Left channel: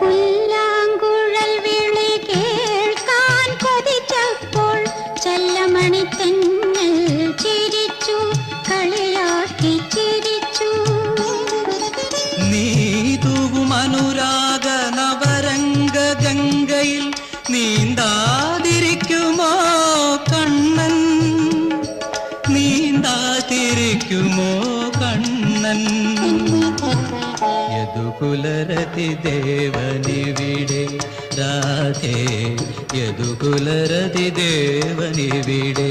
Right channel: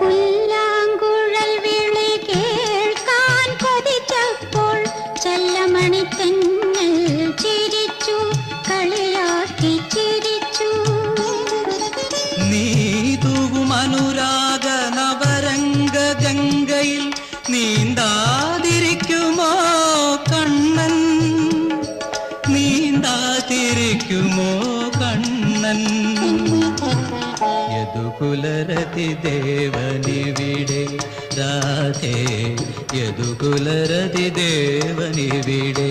പുല്ലാങ്കുഴൽ വിളി കേൾക്കാൻ കൊതിച്ചപ്പോൾ ചെല്ലമണി തെന്നൽ ചിരിച്ചു, കളിയാക്കി ചിരിച്ചു. നീ തൂകും അനുരാഗ നവരംഗ ഗംഗയിൽ നീന്താതിരിക്കുമോ കണ്ണൻ, നീന്താതിരിക്കുമോ കണ്ണൻ. യദുകുലരതി ദേവനിവിടെ രാധേ, യദുകുലരതി ദേവനിവിടെ.